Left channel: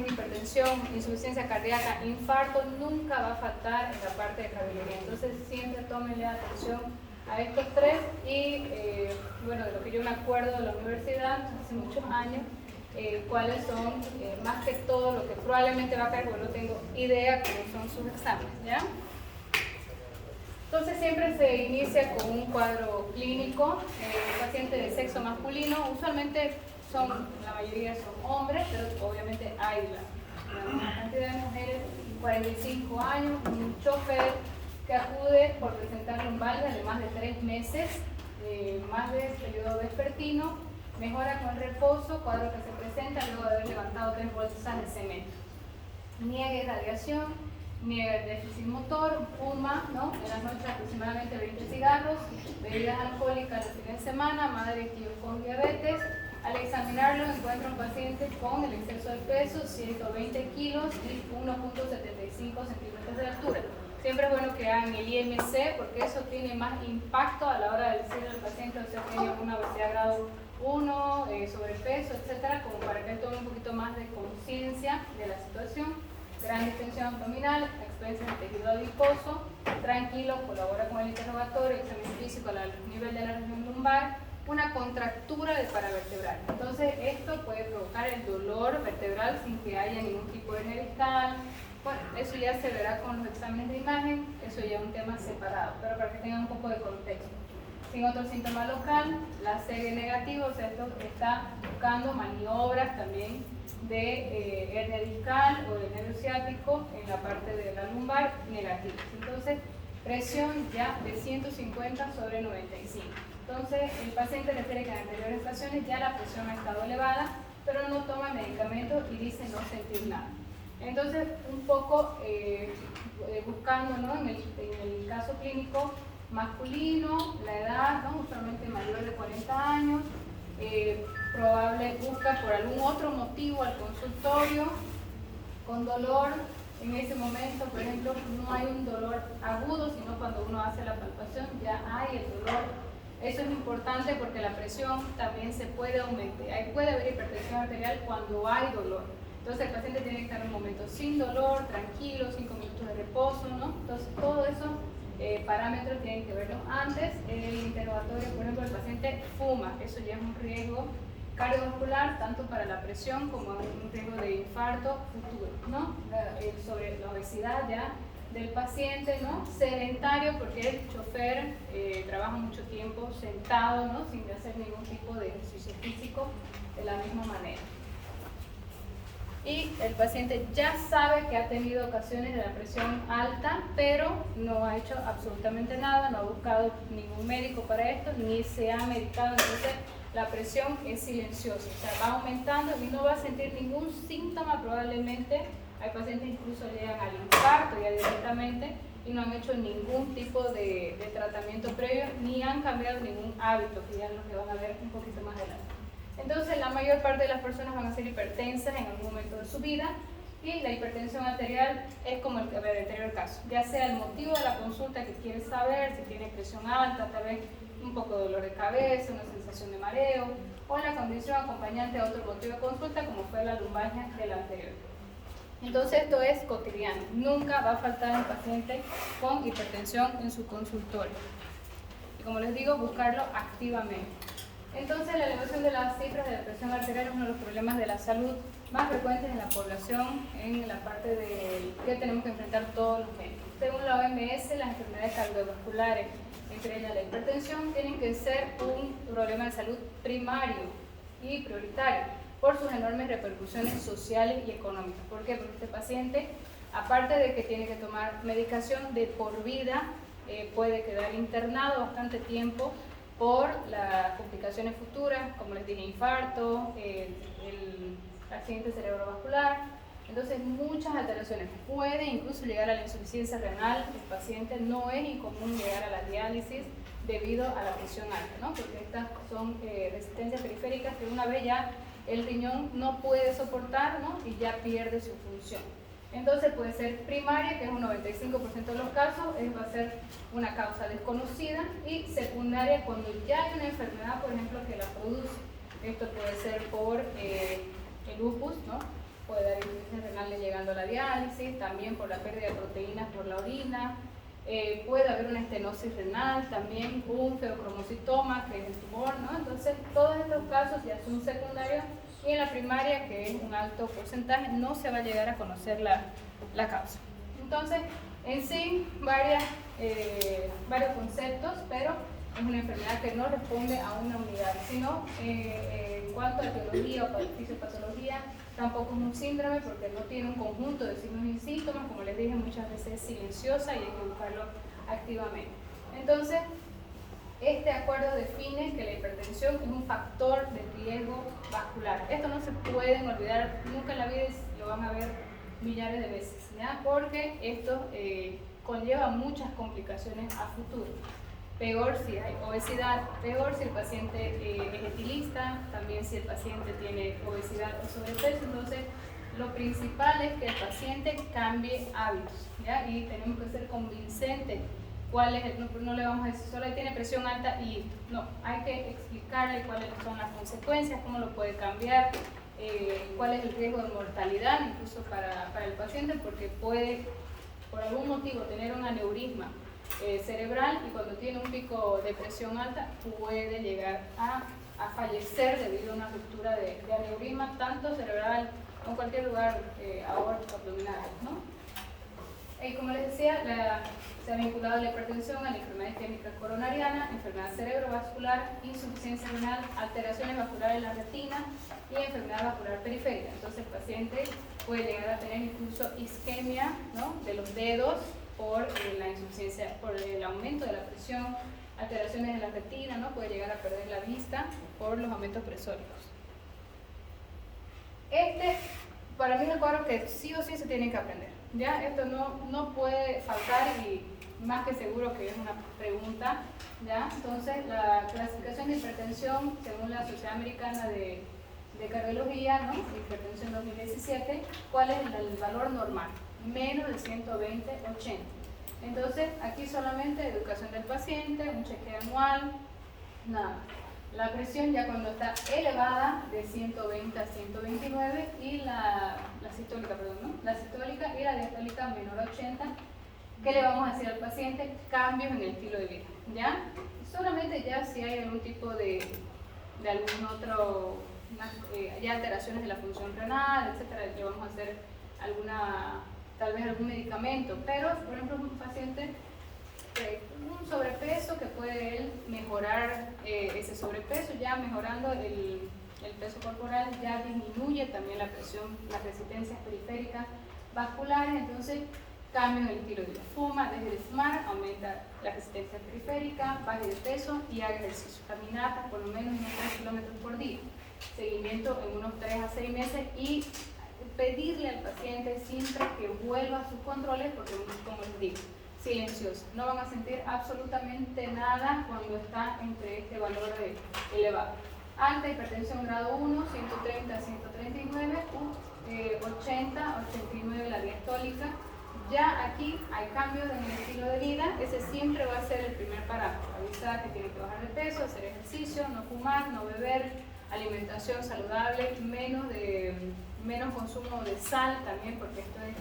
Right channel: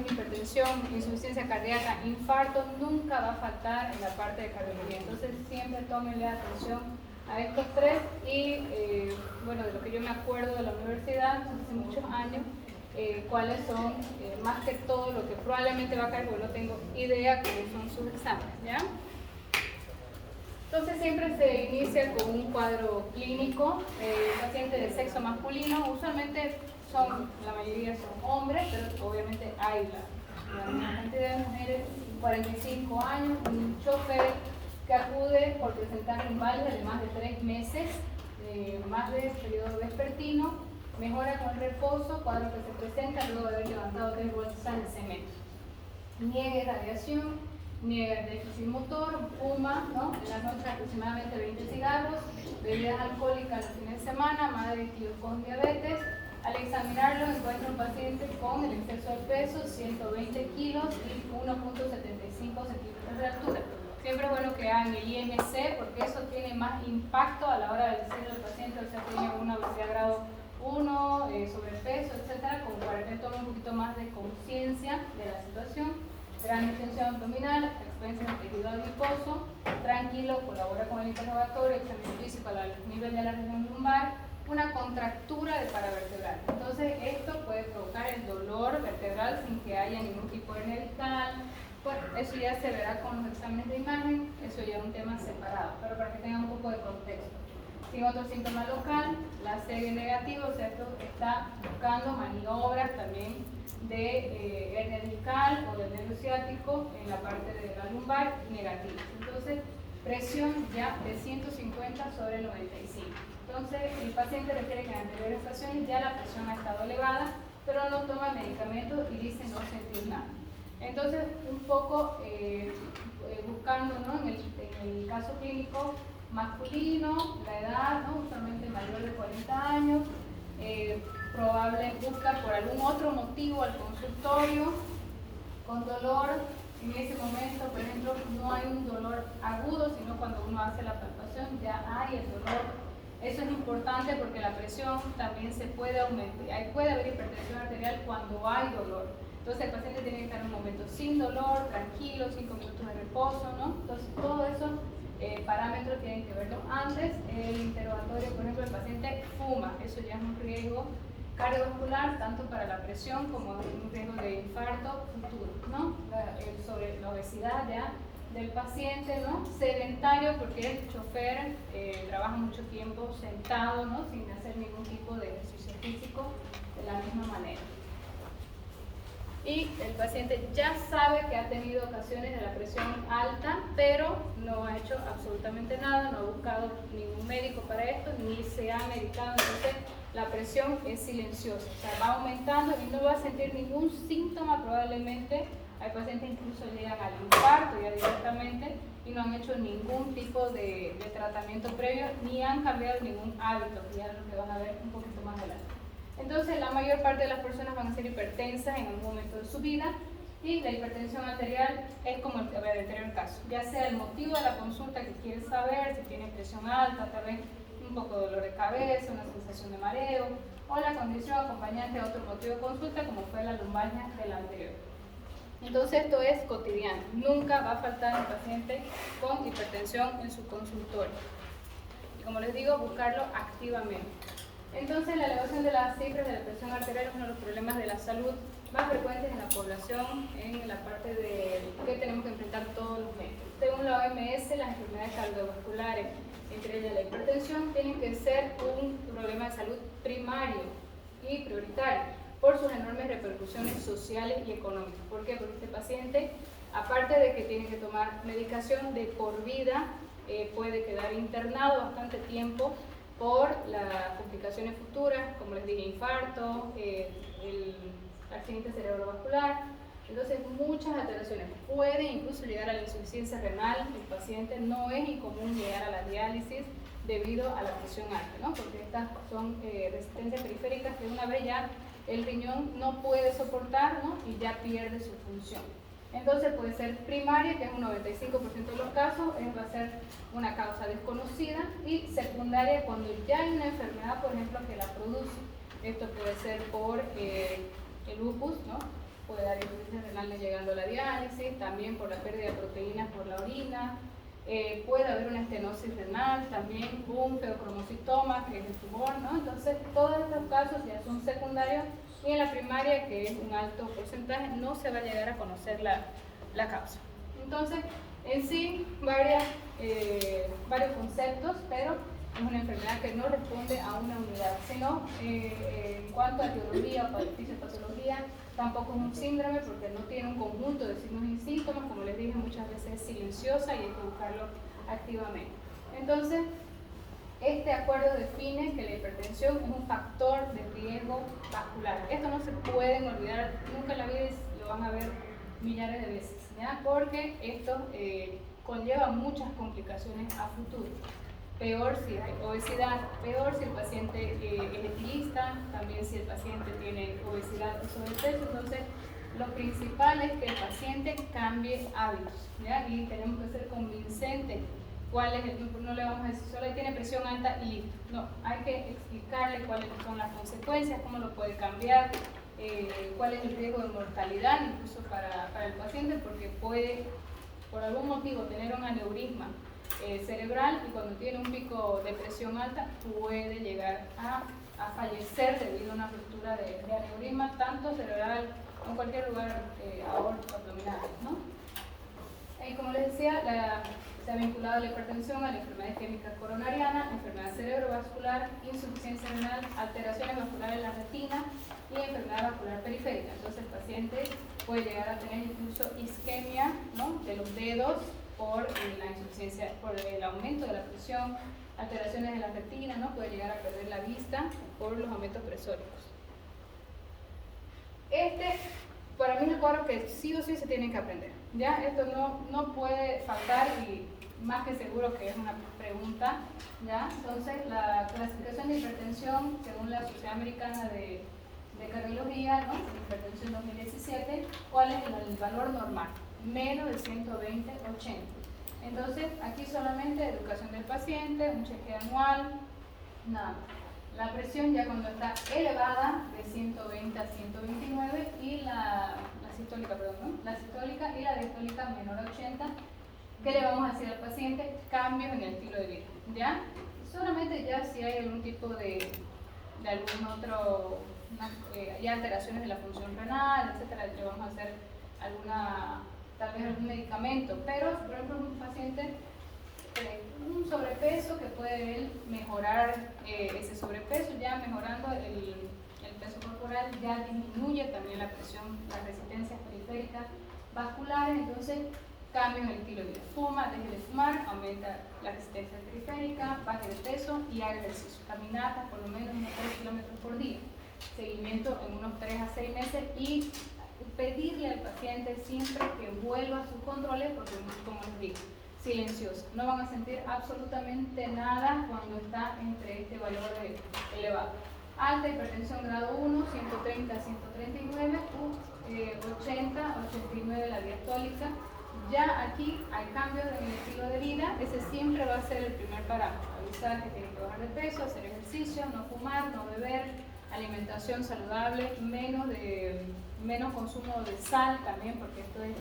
imagen, hipertensión, insuficiencia cardíaca, infarto, nunca va a faltar en la parte de cardiología. Entonces siempre tómenle atención a estos tres y bueno, de lo que yo me acuerdo de la universidad hace muchos años, cuáles son más que todo lo que probablemente va a caer, porque no tengo idea cuáles son sus exámenes, ¿ya? Entonces siempre se inicia con un cuadro clínico, paciente de sexo masculino, usualmente la mayoría son hombres, pero obviamente hay una cantidad de mujeres, 45 años, un chofer que acude por presentar un valve de más de 3 meses, más de periodo vespertino, mejora con reposo, cuadro que se presenta luego de haber levantado 3 bolsas de cemento. Niega irradiación, niega el déficit motor, fuma, ¿no? En la noche aproximadamente 20 cigarros, bebidas alcohólicas los fines de semana, madre y tío con diabetes. Al examinarlo encuentra un paciente con el exceso de peso, 120 kilos y 1.75 centímetros de altura. Siempre es bueno que hagan el IMC porque eso tiene más impacto a la hora de decirle al paciente, o sea, tiene una obesidad grado 1, sobrepeso, etcétera, como para que él tome un poquito más de conciencia de la situación. Gran distensión abdominal, experiencia de tejido adiposo, tranquilo, colabora con el interrogatorio, examen físico al nivel de la región lumbar, una contractura de paravertebral. Entonces esto puede provocar el dolor vertebral sin que haya ningún tipo de hernia discal. Bueno, eso ya se verá con los exámenes de imagen, eso ya es un tema separado, pero para que tengan un poco de contexto. Sin otro síntoma local, la serie negativa, o sea, esto está buscando maniobras también de hernia discal o del nervio ciático en la parte de la lumbar negativas. Entonces, presión ya de 150 sobre 95. Entonces, el paciente refiere que en anteriores ocasiones ya la presión ha estado elevada, pero no toma medicamentos y dice no sentir nada. Entonces, un poco buscando, ¿no? en el caso clínico masculino, la edad, ¿no? usualmente mayor de 40 años, probable busca por algún otro motivo al consultorio, con dolor. En ese momento, por ejemplo, no hay un dolor agudo, sino cuando uno hace la palpación ya hay el dolor. Eso es importante porque la presión también se puede aumentar. Puede haber hipertensión arterial cuando hay dolor. Entonces el paciente tiene que estar en un momento sin dolor, tranquilo, 5 minutos de reposo, ¿no? Entonces todo eso parámetros tienen que verlo antes. El interrogatorio, por ejemplo, el paciente fuma, eso ya es un riesgo cardiovascular, tanto para la presión como un riesgo de infarto futuro, ¿no? Sobre la obesidad ya del paciente, ¿no? Sedentario, porque el chofer trabaja mucho tiempo sentado, ¿no? Sin hacer ningún tipo de ejercicio físico de la misma manera. Y el paciente ya sabe que ha tenido ocasiones de la presión alta, pero no ha hecho absolutamente nada, no ha buscado ningún médico para esto, ni se ha medicado. Entonces la presión es silenciosa, o sea, va aumentando y no va a sentir ningún síntoma probablemente. Hay pacientes que incluso llegan al infarto ya directamente y no han hecho ningún tipo de tratamiento previo, ni han cambiado ningún hábito, que ya es lo que van a ver un poquito más adelante. Entonces, la mayor parte de las personas van a ser hipertensas en algún momento de su vida y la hipertensión arterial es como el anterior caso, ya sea el motivo de la consulta que quieres saber, si tiene presión alta, tal vez un poco de dolor de cabeza, una sensación de mareo, o la condición acompañante a otro motivo de consulta como fue la lumbalgia del anterior. Entonces esto es cotidiano, nunca va a faltar un paciente con hipertensión en su consultorio. Y como les digo, buscarlo activamente. Entonces, la elevación de las cifras de la presión arterial es uno de los problemas de la salud más frecuentes en la población, en la parte de que tenemos que enfrentar todos los meses. Según la OMS, las enfermedades cardiovasculares, entre ellas la hipertensión, tienen que ser un problema de salud primario y prioritario por sus enormes repercusiones sociales y económicas. ¿Por qué? Porque este paciente, aparte de que tiene que tomar medicación de por vida, puede quedar internado bastante tiempo por las complicaciones futuras, como les dije, infarto, el accidente cerebrovascular. Entonces, muchas alteraciones. Puede incluso llegar a la insuficiencia renal. El paciente no es incomún llegar a la diálisis debido a la presión alta, ¿no? Porque estas son resistencias periféricas que una vez ya el riñón no puede soportar, ¿no? Y ya pierde su función. Entonces puede ser primaria, que es un 95% de los casos, va a ser una causa desconocida, y secundaria cuando ya hay una enfermedad, por ejemplo, que la produce. Esto puede ser por el lupus, ¿no? puede dar insuficiencia renal llegando a la diálisis, también por la pérdida de proteínas por la orina. Puede haber una estenosis renal, también un feocromocitoma, que es el tumor, ¿no? Entonces, todos estos casos ya son secundarios y en la primaria, que es un alto porcentaje, no se va a llegar a conocer la causa. Entonces, en sí, varios conceptos, pero es una enfermedad que no responde a una unidad, sino en cuanto a etiología o fisiopatología, tampoco es un síndrome porque no tiene un conjunto de signos y síntomas, como les dije, muchas veces es silenciosa y hay que buscarlo activamente. Entonces, este acuerdo define que la hipertensión es un factor de riesgo vascular. Esto no se pueden olvidar nunca en la vida, lo van a ver millares de veces, ¿ya? Porque esto conlleva muchas complicaciones a futuro. Peor si hay obesidad, peor si el paciente es etilista, también si el paciente tiene obesidad o sobrepeso. Entonces, lo principal es que el paciente cambie hábitos, ¿ya? Y tenemos que ser convincentes. ¿Cuál es no le vamos a decir solo ahí tiene presión alta y no, hay que explicarle cuáles son las consecuencias, cómo lo puede cambiar, cuál es el riesgo de mortalidad incluso para el paciente, porque puede por algún motivo tener un aneurisma cerebral y cuando tiene un pico de presión alta puede llegar a fallecer debido a una ruptura de aneurisma, tanto cerebral o en cualquier lugar aórtico, abdominal, ¿no? Y como les decía, se ha vinculado la hipertensión a la enfermedad isquémica coronariana, enfermedad cerebrovascular, insuficiencia renal, alteraciones vasculares de la retina y enfermedad vascular periférica. Entonces el paciente puede llegar a tener incluso isquemia, ¿no?, de los dedos por la insuficiencia, por el aumento de la presión, alteraciones de la retina, ¿no?, puede llegar a perder la vista por los aumentos presóricos. Para mí es un cuadro que sí o sí se tiene que aprender, ¿ya? Esto no puede faltar y más que seguro que es una pregunta, ¿ya? Entonces, la clasificación de hipertensión, según la Sociedad Americana de Cardiología, ¿no?, de hipertensión 2017, ¿cuál es el valor normal? Menos de 120/80. Entonces, aquí solamente educación del paciente, un chequeo anual, nada. La presión ya cuando está elevada de 120 a 129 y la sistólica, perdón, ¿no?, la sistólica y la diastólica menor a 80, ¿qué le vamos a decir al paciente? Cambios en el estilo de vida, ¿ya? Solamente ya si hay algún tipo de algún otro, ya alteraciones de la función renal, etcétera, le vamos a hacer tal vez algún medicamento, pero por ejemplo un paciente un sobrepeso que puede él mejorar ese sobrepeso, ya mejorando el peso corporal ya disminuye también la presión, las resistencias periféricas vasculares, entonces cambios en el estilo de vida. Fuma, deje de fumar, aumenta la resistencia periférica, baje de peso y haga ejercicio, caminatas por lo menos unos 3 kilómetros por día, seguimiento en unos 3 a 6 meses y pedirle al paciente siempre que vuelva a sus controles, porque como les digo, silenciosa, no van a sentir absolutamente nada cuando está entre este valor elevado. Alta hipertensión grado 1, 130 a 139, 80 a 89 la diastólica. Ya aquí hay cambios en el estilo de vida, ese siempre va a ser el primer parámetro, avisar que tiene que bajar de peso, hacer ejercicio, no fumar, no beber, alimentación saludable, menos consumo de sal también, porque esto es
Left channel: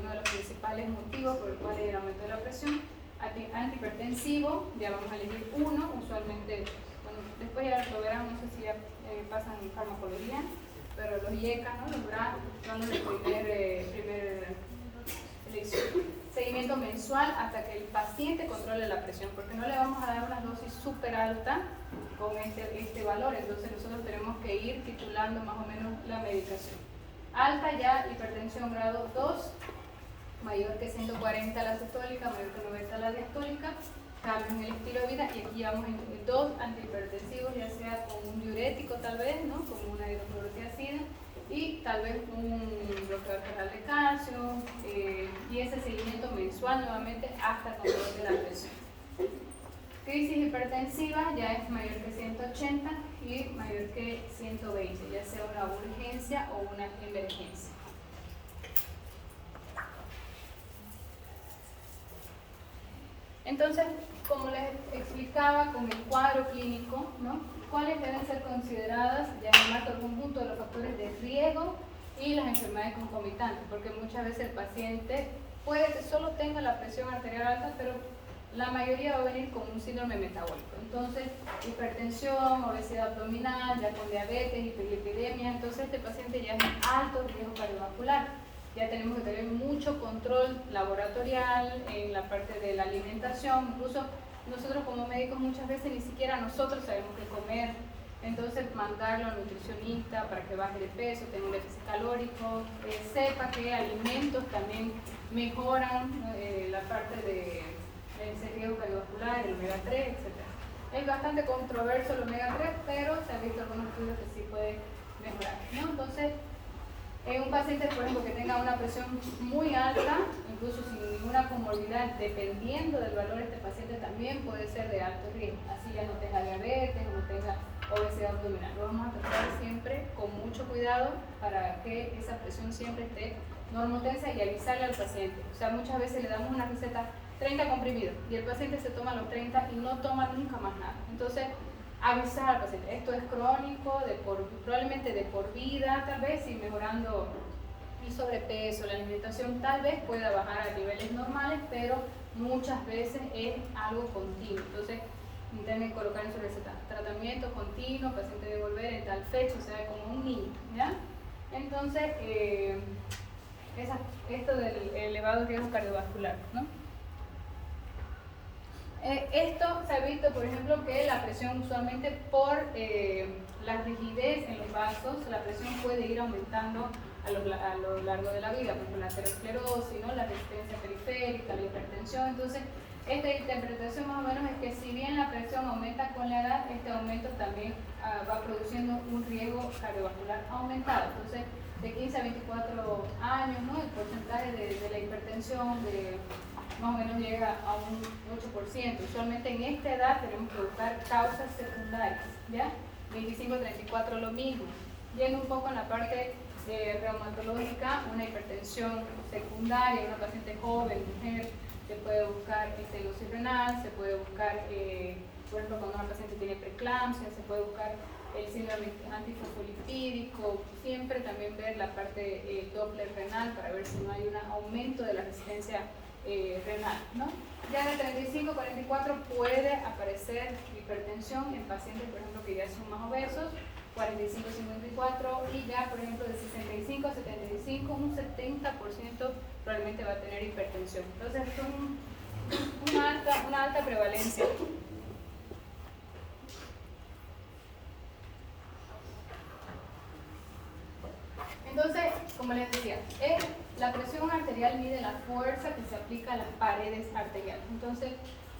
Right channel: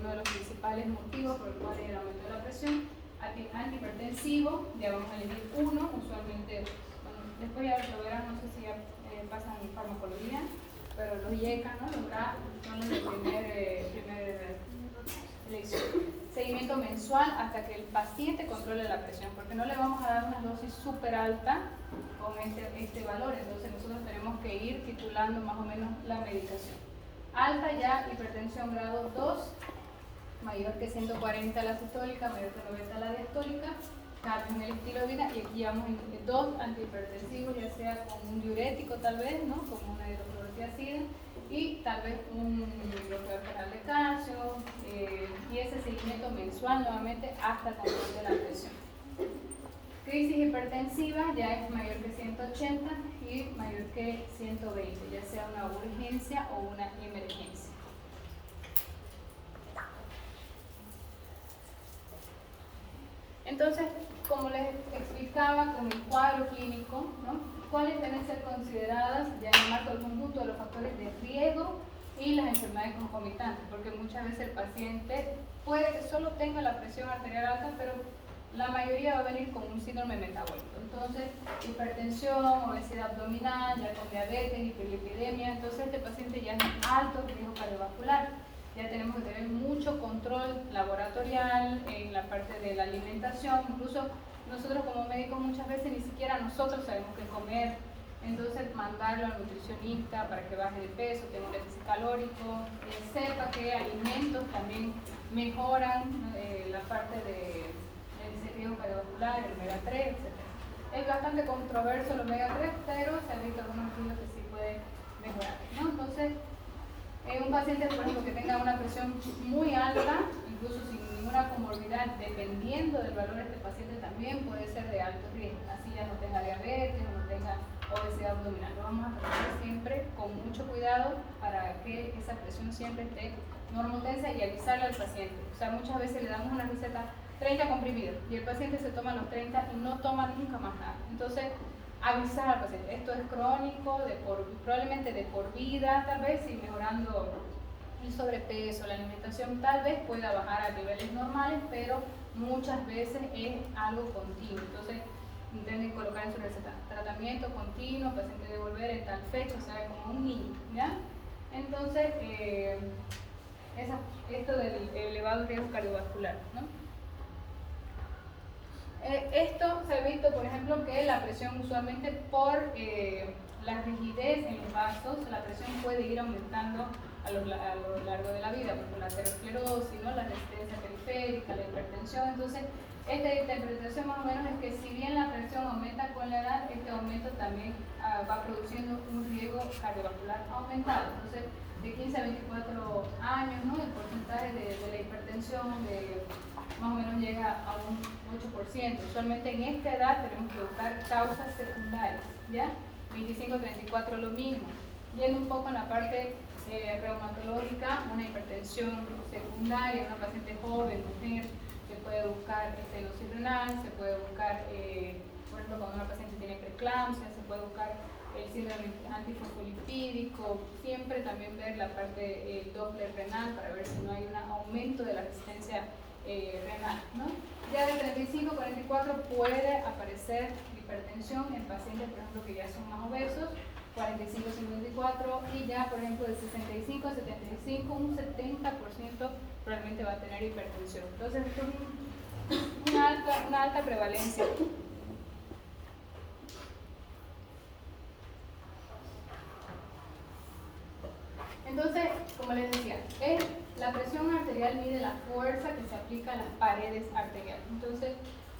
uno de los principales motivos por el cual hay el aumento de la presión. Antihipertensivo, ya vamos a elegir uno, usualmente, bueno, después ya lo verán, no sé si ya pasan en farmacología, pero los IECA, ¿no?, los BRA son los de primer elección. Seguimiento mensual hasta que el paciente controle la presión, porque no le vamos a dar una dosis súper alta con este valor, entonces nosotros tenemos que ir titulando más o menos la medicación. Alta ya, hipertensión grado 2, mayor que 140 la sistólica, mayor que 90 la diastólica, cambio en el estilo de vida, y aquí llevamos 2 antihipertensivos, ya sea con un diurético tal vez, ¿no?, como una hidroclorotiazida, y tal vez un bloqueador feral de calcio, y ese seguimiento mensual nuevamente hasta el control de la presión. Crisis hipertensiva ya es mayor que 180 y mayor que 120, ya sea una urgencia o una emergencia. Entonces, como les explicaba con el cuadro clínico, ¿no?, ¿cuáles deben ser consideradas ya en el marco del conjunto de los factores de riesgo y las enfermedades concomitantes, porque muchas veces el paciente puede que solo tenga la presión arterial alta, pero la mayoría va a venir con un síndrome metabólico. Entonces, hipertensión, obesidad abdominal, ya con diabetes, hiperlipidemia, entonces este paciente ya es un alto riesgo cardiovascular. Ya tenemos que tener mucho control laboratorial en la parte de la alimentación, incluso nosotros como médicos muchas veces ni siquiera nosotros sabemos qué comer, entonces mandarlo al nutricionista para que baje de peso, tenga un déficit calórico, sepa qué alimentos también mejoran la parte de ese riesgo cardiovascular, el omega 3, etc. Es bastante controverso el omega 3, pero se ha visto algunos estudios que sí puede mejorar, ¿no? Entonces, un paciente, por ejemplo, que tenga una presión muy alta, incluso sin ninguna comorbilidad, dependiendo del valor de este paciente, también puede ser de alto riesgo. Así ya no tenga diabetes o no tenga obesidad abdominal. Lo vamos a tratar siempre con mucho cuidado para que esa presión siempre esté normotensa y avisarle al paciente. O sea, muchas veces le damos una receta 30 comprimidos y el paciente se toma los 30 y no toma nunca más nada. Entonces, avisar al paciente, esto es crónico, probablemente de por vida, tal vez, y mejorando el sobrepeso, la alimentación, tal vez pueda bajar a niveles normales, pero muchas veces es algo continuo. Entonces, intenten colocar en su receta, tratamiento continuo, paciente debe volver en tal fecha, o sea, como un niño, ¿ya? Entonces, esto del elevado riesgo cardiovascular, ¿no? Esto se ha visto, por ejemplo, que la presión usualmente por la rigidez en los vasos, la presión puede ir aumentando a lo largo de la vida, por la aterosclerosis, ¿no? La resistencia periférica, la hipertensión. Entonces, esta interpretación más o menos es que si bien la presión aumenta con la edad, este aumento también va produciendo un riesgo cardiovascular aumentado. Entonces, de 15 a 24 años, ¿no? El porcentaje de la hipertensión más o menos llega a un 8%. Usualmente en esta edad tenemos que buscar causas secundarias, ¿ya? 25 a 34 lo mismo. Viendo un poco en la parte reumatológica, una hipertensión secundaria, una paciente joven, mujer, se puede buscar estenosis renal, se puede buscar, por ejemplo, cuando una paciente tiene preeclampsia, se puede buscar el síndrome antifosfolipídico, siempre también ver la parte Doppler renal para ver si no hay un aumento de la resistencia renal, ¿no? Ya de 35 a 44 puede aparecer hipertensión en pacientes, por ejemplo, que ya son más obesos, 45 a 54, y ya, por ejemplo, de 65 a 75, un 70% probablemente va a tener hipertensión. Entonces, esto es una alta prevalencia. Entonces, como les decía, la presión arterial mide la fuerza que se aplica a las paredes arteriales. Entonces,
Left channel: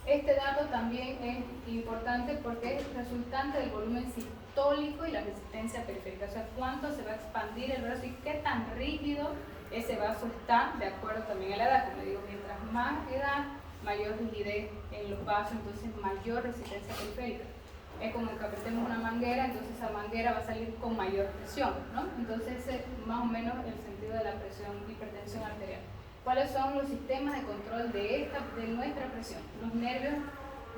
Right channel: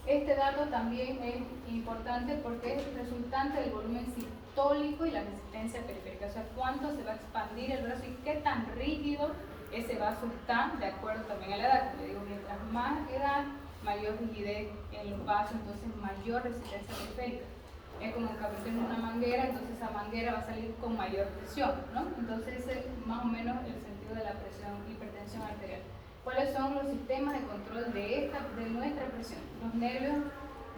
este dato también es importante porque es resultante del volumen sistólico y la resistencia periférica. O sea, cuánto se va a expandir el brazo y qué tan rígido ese vaso está, de acuerdo también a la edad. Como les digo, mientras más edad, mayor rigidez en los vasos, entonces mayor resistencia periférica. Es como que apretemos una manguera, entonces esa manguera va a salir con mayor presión, ¿no? Entonces ese es más o menos el sentido de la presión, hipertensión arterial. ¿Cuáles son los sistemas de control de nuestra presión? Los nervios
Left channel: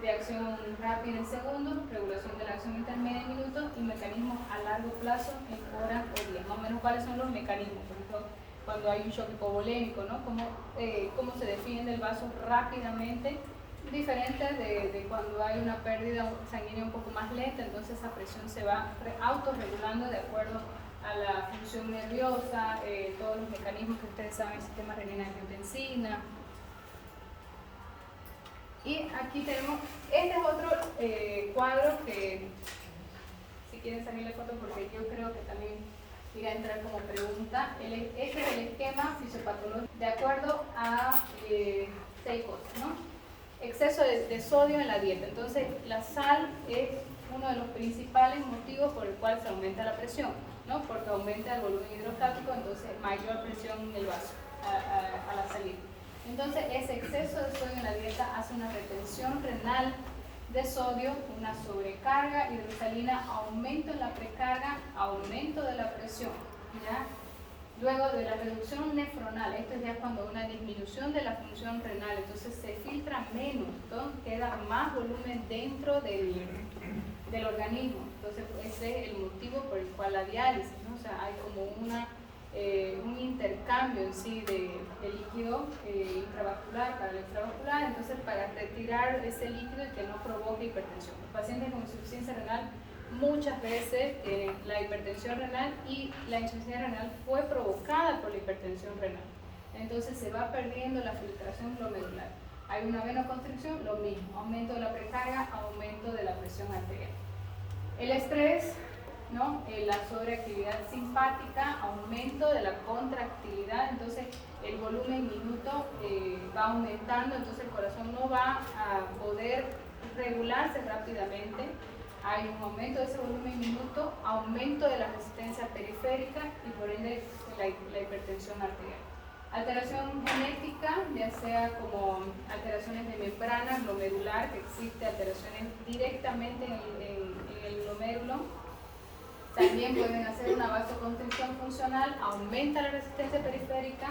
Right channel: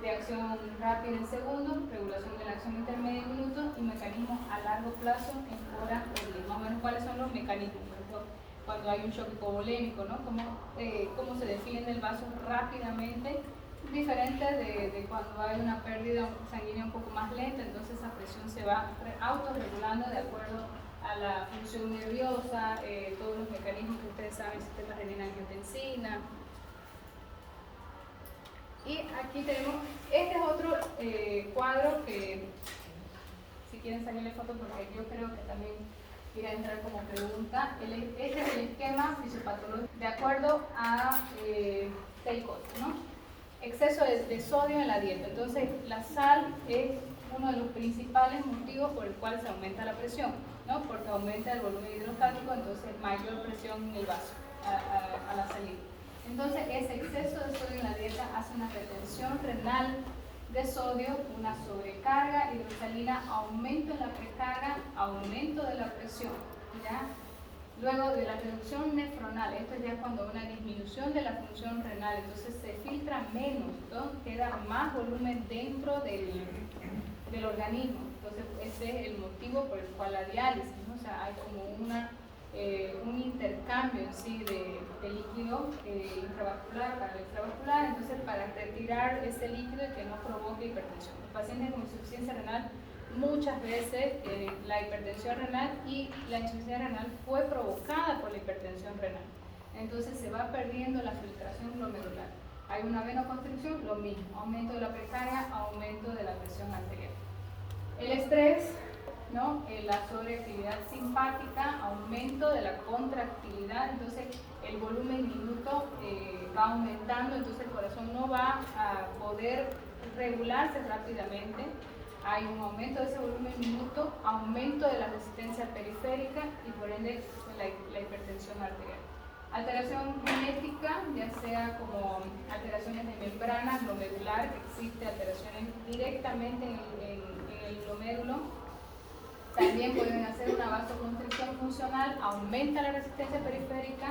de acción rápida en segundos, regulación de la acción intermedia en minutos y mecanismos a largo plazo en horas o días. Más o menos cuáles son los mecanismos, por ejemplo, cuando hay un shock hipovolémico, ¿no? Cómo se defiende el vaso rápidamente, diferente de cuando hay una pérdida sanguínea un poco más lenta, entonces esa presión se va autorregulando de acuerdo a la función nerviosa, todos los mecanismos que ustedes saben, el sistema renina-angiotensina. Y aquí tenemos, este es otro cuadro que, si quieren salirle foto porque yo creo que también irá a entrar como pregunta. Este es el esquema fisiopatológico de acuerdo a 6 cosas, ¿no? Exceso de sodio en la dieta. Entonces, la sal es uno de los principales motivos por el cual se aumenta la presión, ¿no? Porque aumenta el volumen hidrostático, entonces mayor presión en el vaso a la salida. Entonces, ese exceso de sodio en la dieta hace una retención renal de sodio, una sobrecarga hidrosalina, aumento en la precarga, aumento de la presión, ¿ya? Luego de la reducción nefronal, esto ya es cuando hay una disminución de la función renal, entonces se filtra menos, entonces queda más volumen dentro del organismo. Entonces ese es el motivo por el cual la diálisis, ¿no? O sea, hay como una intercambio en sí de líquido intravascular para el extravascular, entonces para retirar ese líquido y que no provoque hipertensión. Los pacientes con insuficiencia renal muchas veces tienen la hipertensión renal y la insuficiencia renal fue provocada por la hipertensión renal. Entonces se va perdiendo la filtración glomerular. Hay una venoconstricción, lo mismo, aumento de la precarga, aumento de la presión arterial. El estrés, ¿no? La sobreactividad simpática, aumento de la contractilidad, entonces el volumen minuto va aumentando, entonces el corazón no va a poder regularse rápidamente. Hay un aumento de ese volumen minuto, aumento de la resistencia periférica y por ende la hipertensión arterial. Alteración genética, ya sea como alteraciones de membrana glomerular, que existe alteraciones directamente en el glomérulo. También pueden hacer una vasoconstricción funcional, aumenta la resistencia periférica,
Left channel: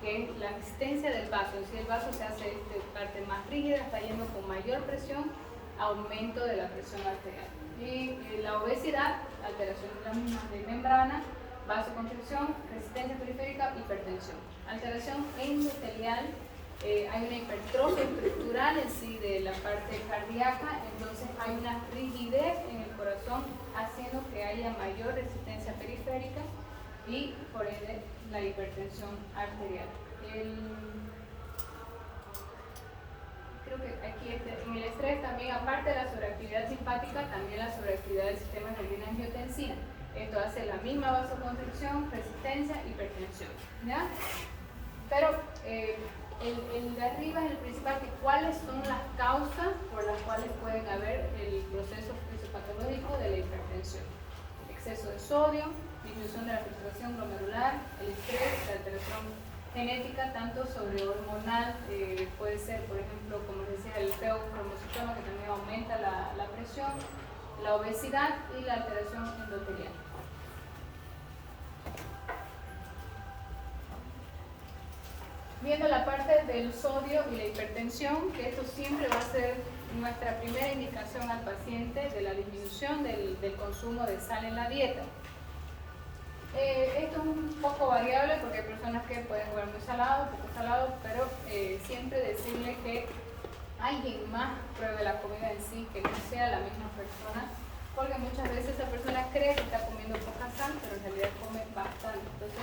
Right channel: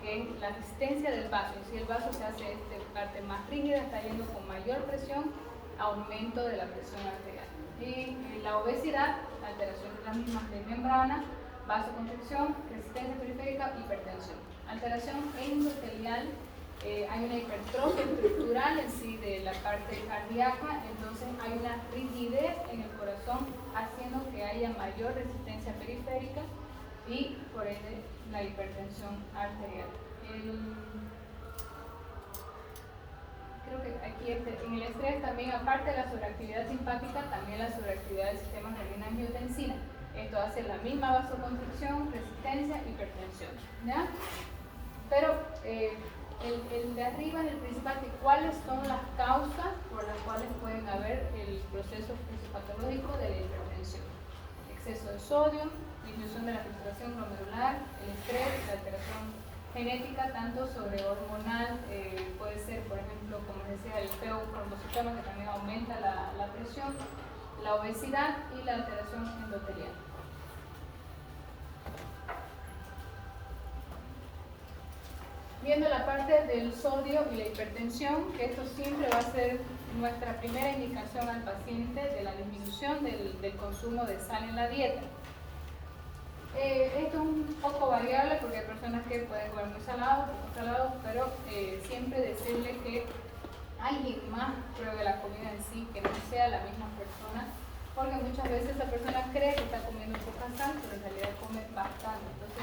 que es la resistencia del vaso. Si el vaso se hace de parte más rígida, está yendo con mayor presión, aumento de la presión arterial. Y la obesidad, alteraciones las mismas de membrana, vasoconstricción, resistencia periférica, hipertensión. Alteración endotelial, hay una hipertrofia estructural en sí de la parte cardíaca, entonces hay una rigidez en el corazón haciendo que haya mayor resistencia periférica y por ende la hipertensión arterial. Creo que aquí en el estrés también, aparte de la sobreactividad simpática, también la sobreactividad del sistema renina-angiotensina. Esto hace la misma vasoconstricción, resistencia, hipertensión, ¿ya? Pero el de arriba es el principal, que cuáles son las causas por las cuales pueden haber el proceso fisiopatológico de la hipertensión. Exceso de sodio, disminución de la filtración glomerular, el estrés, la alteración genética, tanto sobrehormonal, puede ser, por ejemplo, como les decía, el feo-cromocitoma, que también aumenta la presión, la obesidad y la alteración endotelial. Viendo la parte del sodio y la hipertensión, que esto siempre va a ser nuestra primera indicación al paciente de la disminución del consumo de sal en la dieta. Esto es un poco variable porque hay personas que pueden comer muy salado, poco salado, pero siempre decirle que alguien más pruebe la comida en sí, que no sea la misma persona, porque muchas veces esa persona cree que está comiendo poca sal, pero en realidad come bastante. Entonces,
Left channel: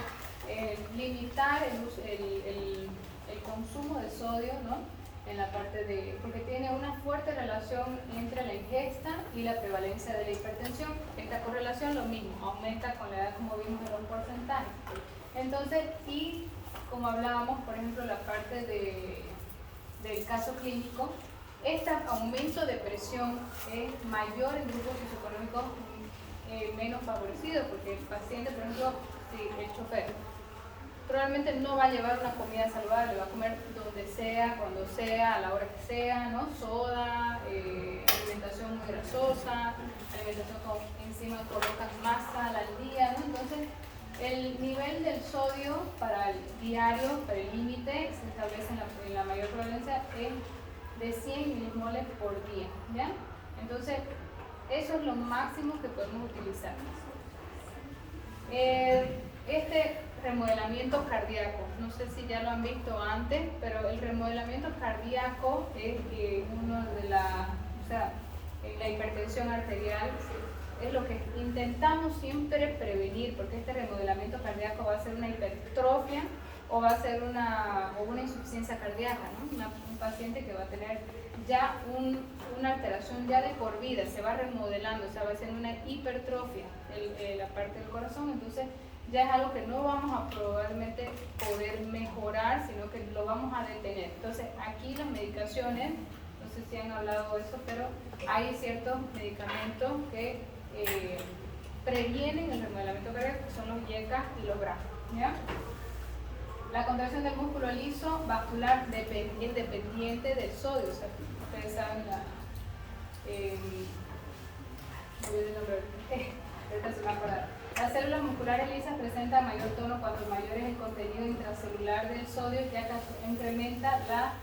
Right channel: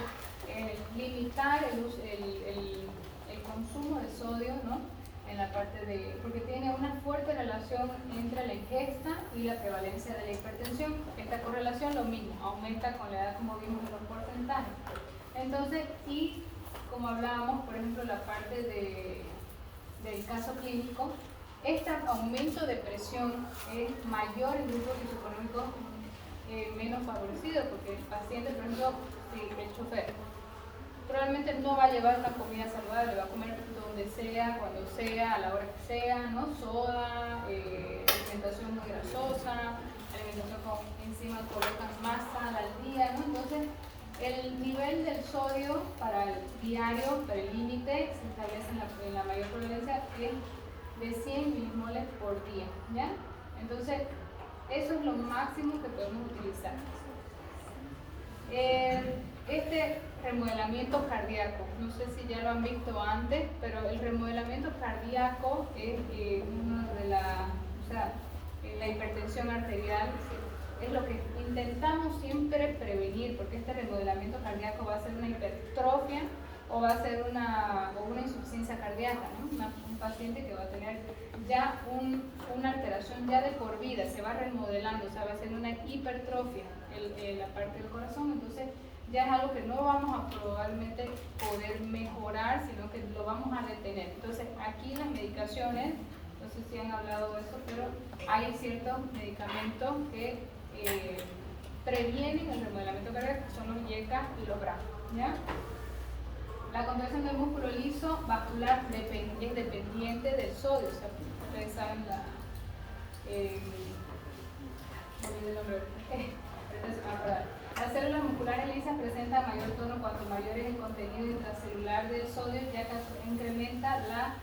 limitar el consumo de sodio, ¿no? En la parte de, porque tiene una fuerte relación entre la ingesta y la prevalencia de la hipertensión. Esta correlación lo mismo, aumenta con la edad, como vimos en los porcentajes. Entonces, y como hablábamos, por ejemplo, la parte del caso clínico, este aumento de presión es mayor en grupos socioeconómicos menos favorecidos, porque el paciente, por ejemplo, si el chofer probablemente no va a llevar una comida saludable, va a comer donde sea, cuando sea, a la hora que sea, ¿no? Soda, alimentación muy grasosa, alimentación con encima colocas más sal al día, ¿no? Entonces, el nivel del sodio para el diario, para el límite, se establece en la mayor prevalencia es de 100 milimoles por día, ¿ya? Entonces, eso es lo máximo que podemos utilizar. Este remodelamiento cardíaco, no sé si ya lo han visto antes, pero el remodelamiento cardíaco es uno de la hipertensión arterial, es lo que intentamos siempre prevenir, porque este remodelamiento cardíaco va a ser una hipertrofia o va a ser una insuficiencia cardíaca, ¿no? Un paciente que va a tener ya una alteración ya de por vida, se va remodelando, o sea, va a ser una hipertrofia la parte del corazón, entonces ya es algo que no vamos a probablemente poder mejorar, sino que lo vamos a detener. Entonces, aquí las medicaciones, no sé si han hablado de eso, pero hay ciertos medicamentos que previenen el remodelamiento cardíaco, que son los YECA y los BRA, ¿ya? La contracción del músculo liso vascular es dependiente del sodio, o sea, ustedes saben ahorita se va a acordar. Las células musculares lisas presentan mayor tono cuanto mayor es el contenido intracelular del sodio, ya que incrementa la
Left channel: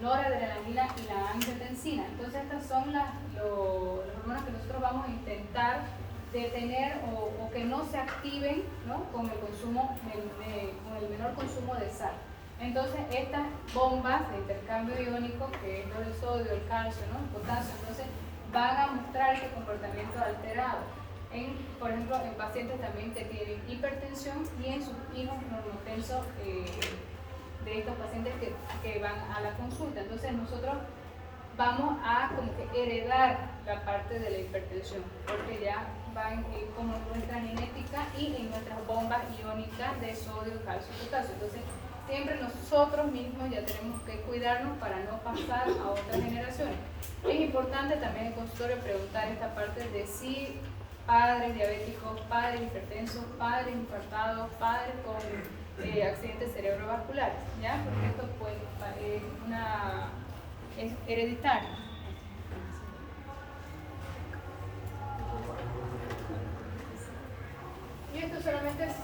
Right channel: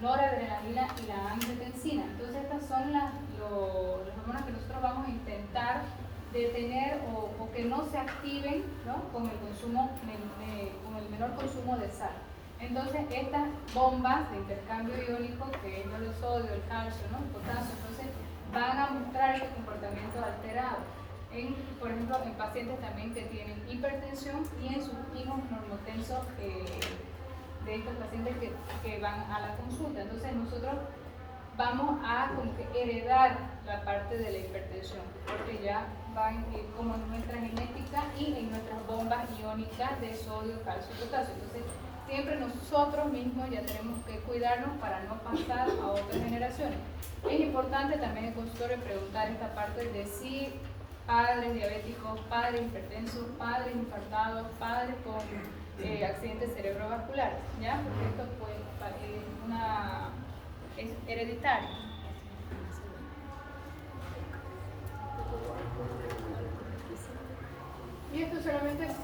noradrenalina y la angiotensina. Entonces estas son los hormonas que nosotros vamos a intentar detener o que no se activen, ¿no? Con el consumo, con el menor de sal. Entonces estas bombas de intercambio iónico, que es lo del sodio, el calcio, ¿no? El potasio, entonces van a mostrar ese comportamiento alterado. Por ejemplo, en pacientes también que tienen hipertensión y en sus hijos normotensos de estos pacientes que van a la consulta. Entonces nosotros vamos a como que heredar la parte de la hipertensión, porque ya va como en nuestra genética y en nuestras bombas iónicas de sodio, calcio y potasio. Entonces siempre nosotros mismos ya tenemos que cuidarnos para no pasar a otras generaciones. Es importante también en consultorio preguntar esta parte de si padres diabéticos, padres hipertensos, padres infartados, padres con accidentes cerebrovasculares, ¿ya? Porque esto pues, es hereditario. Y esto solamente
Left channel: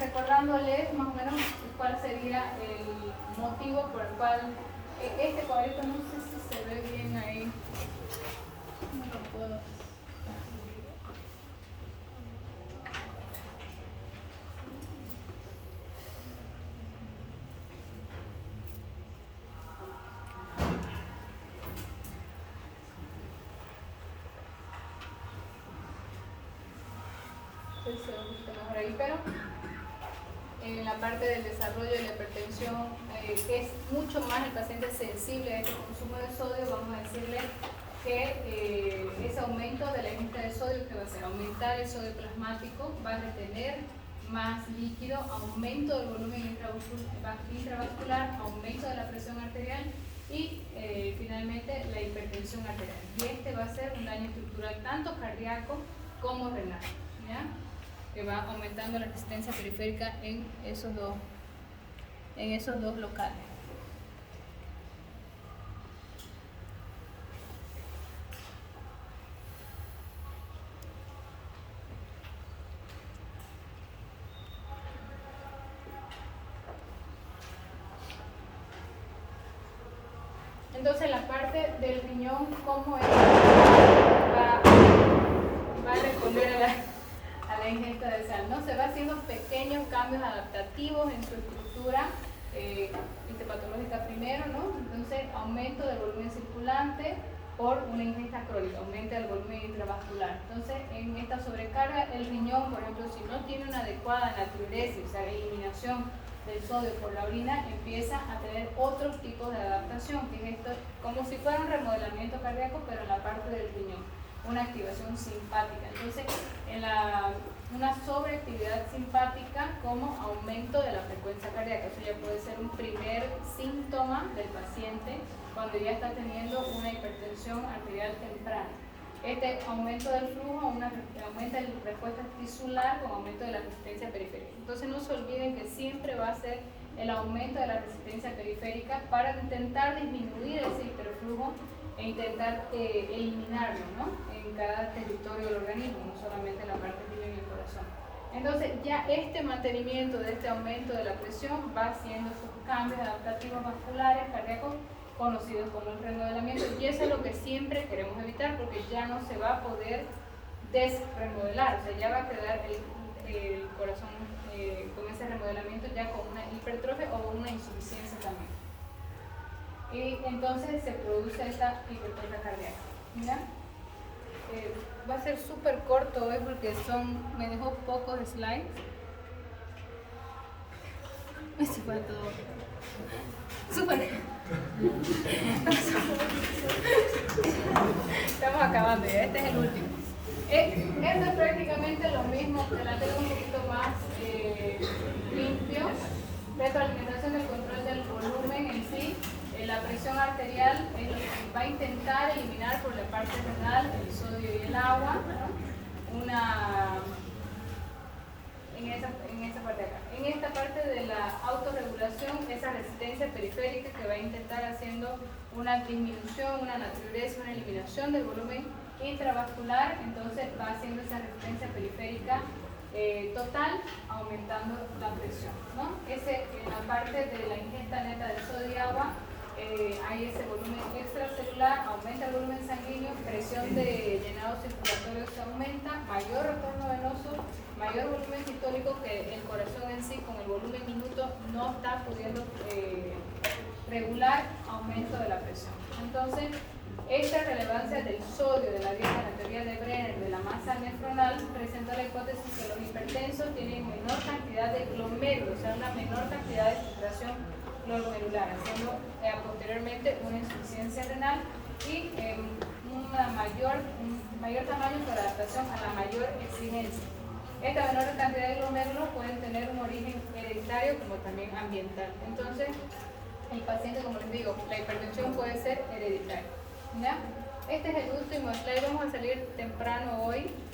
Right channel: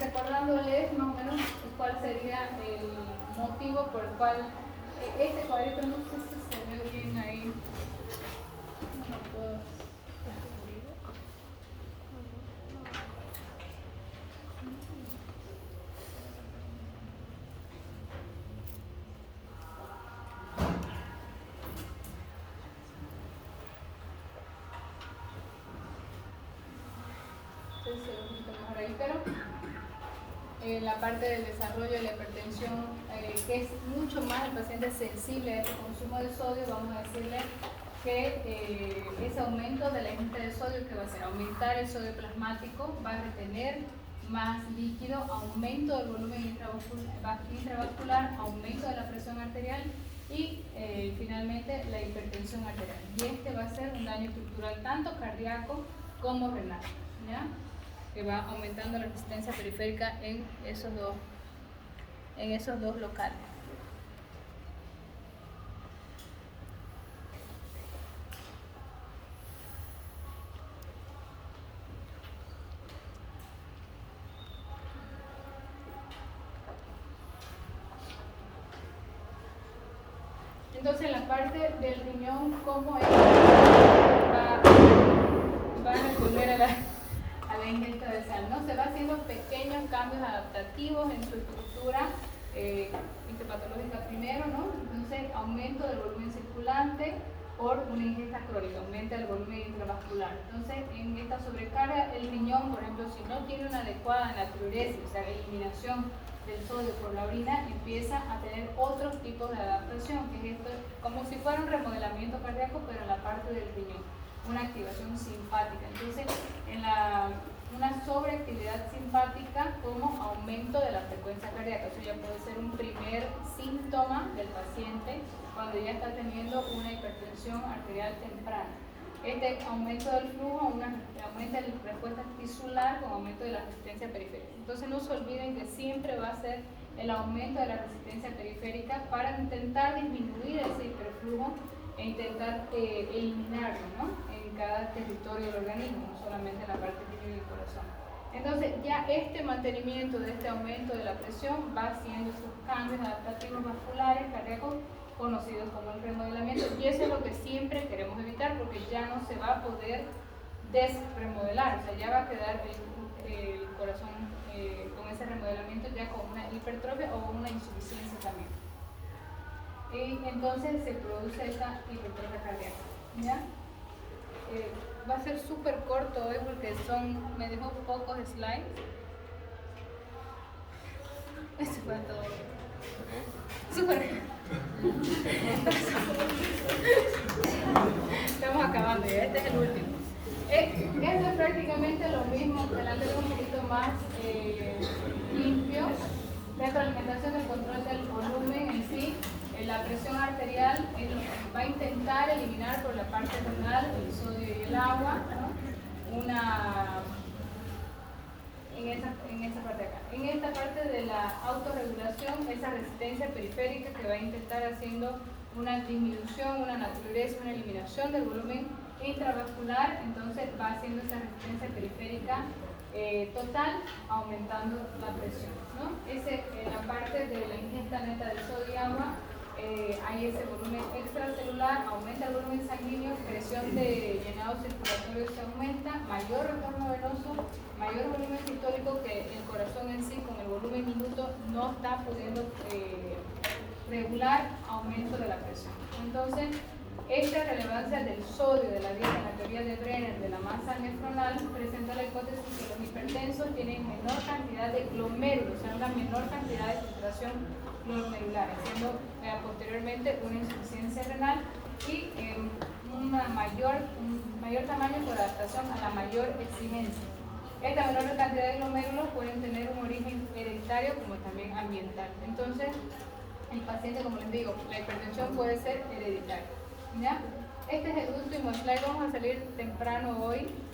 recordándoles más o menos cuál sería el motivo por el cual este cuadrito, no sé si se ve bien ahí. No lo puedo. Pero en la parte del desarrollo de la hipertensión es mucho más el paciente sensible a este consumo de sodio. Vamos a decirle que ese aumento de la ingesta de sodio, que va a ser aumentar el sodio plasmático, va a retener más líquido, aumento del volumen intravascular, aumento de la presión arterial y finalmente la hipertensión arterial. Y este va a ser un daño estructural tanto cardíaco como renal, ¿ya? Que va aumentando la resistencia periférica en esos dos locales. Entonces la parte del riñón, ¿cómo es? Va a responder a la ingesta de sal, ¿no? Se va haciendo pequeños cambios adaptativos en su estructura histopatológica primero, ¿no? Entonces, aumento del volumen circulante por una ingesta crónica, aumenta el volumen intravascular. Entonces, en esta sobrecarga, el riñón, por ejemplo, si no tiene una adecuada natriuresis, o sea, la eliminación del sodio por la orina, empieza a tener otros tipos de adaptación, que es esto, como si fuera un remodelamiento cardíaco, pero en la parte del riñón, una activación simpática. Entonces, una sobreactividad simpática como aumento de la frecuencia cardíaca. Eso ya puede ser un primer síntoma del paciente cuando ya está teniendo una hipertensión arterial temprana. Este aumento del flujo aumenta la respuesta tisular con aumento de la resistencia periférica. Entonces no se olviden que siempre va a ser el aumento de la resistencia periférica para intentar disminuir ese hiperflujo e intentar eliminarlo, ¿no? En cada territorio del organismo, no solamente en la parte del riñón y el corazón. Entonces ya este mantenimiento de este aumento de la presión va haciendo sus cambios adaptativos vasculares, cardíacos, conocidos como el remodelamiento, y eso es lo que siempre queremos evitar porque ya no se va a poder desremodelar, o sea, ya va a quedar el corazón con ese remodelamiento ya con una hipertrofia o una insuficiencia también. Y entonces se produce esta hipertrofia cardíaca, ¿ya? Va a ser súper corto hoy porque me dejó pocos slides. Eso fue todo. Súper. Estamos acabando ya, este es el último. Esto es prácticamente lo mismo, delante de un poquito más limpio. Retroalimentación del control del volumen en sí. La presión arterial va a intentar eliminar por la parte renal el sodio y el agua, ¿no? En esta parte de acá. En esta parte de la autorregulación, esa resistencia periférica que va a intentar haciendo una disminución, una natriuresis, una eliminación del volumen intravascular, entonces va haciendo esa resistencia periférica total, aumentando la presión, ¿no? La parte de la ingesta neta del sodio y agua, hay ese volumen extracelular, aumenta el volumen sanguíneo, presión de llenado circulatorio se aumenta, mayor retorno venoso, mayor volumen sistólico, que el corazón en sí con el volumen momento no está pudiendo regular aumento de la presión. Entonces, esta relevancia del sodio de la dieta en la teoría de Brenner de la masa nefronal presenta la hipótesis que los hipertensos tienen menor cantidad de glomérulos, o sea, una menor cantidad de filtración glomerular, haciendo posteriormente una insuficiencia renal y un mayor tamaño por adaptación a la mayor exigencia. Esta menor cantidad de glomérulos pueden tener un origen hereditario como también ambiental. Entonces, el paciente, como les digo, la hipertensión puede ser hereditaria. ¿Ya? Este es el último slide, vamos a salir temprano hoy.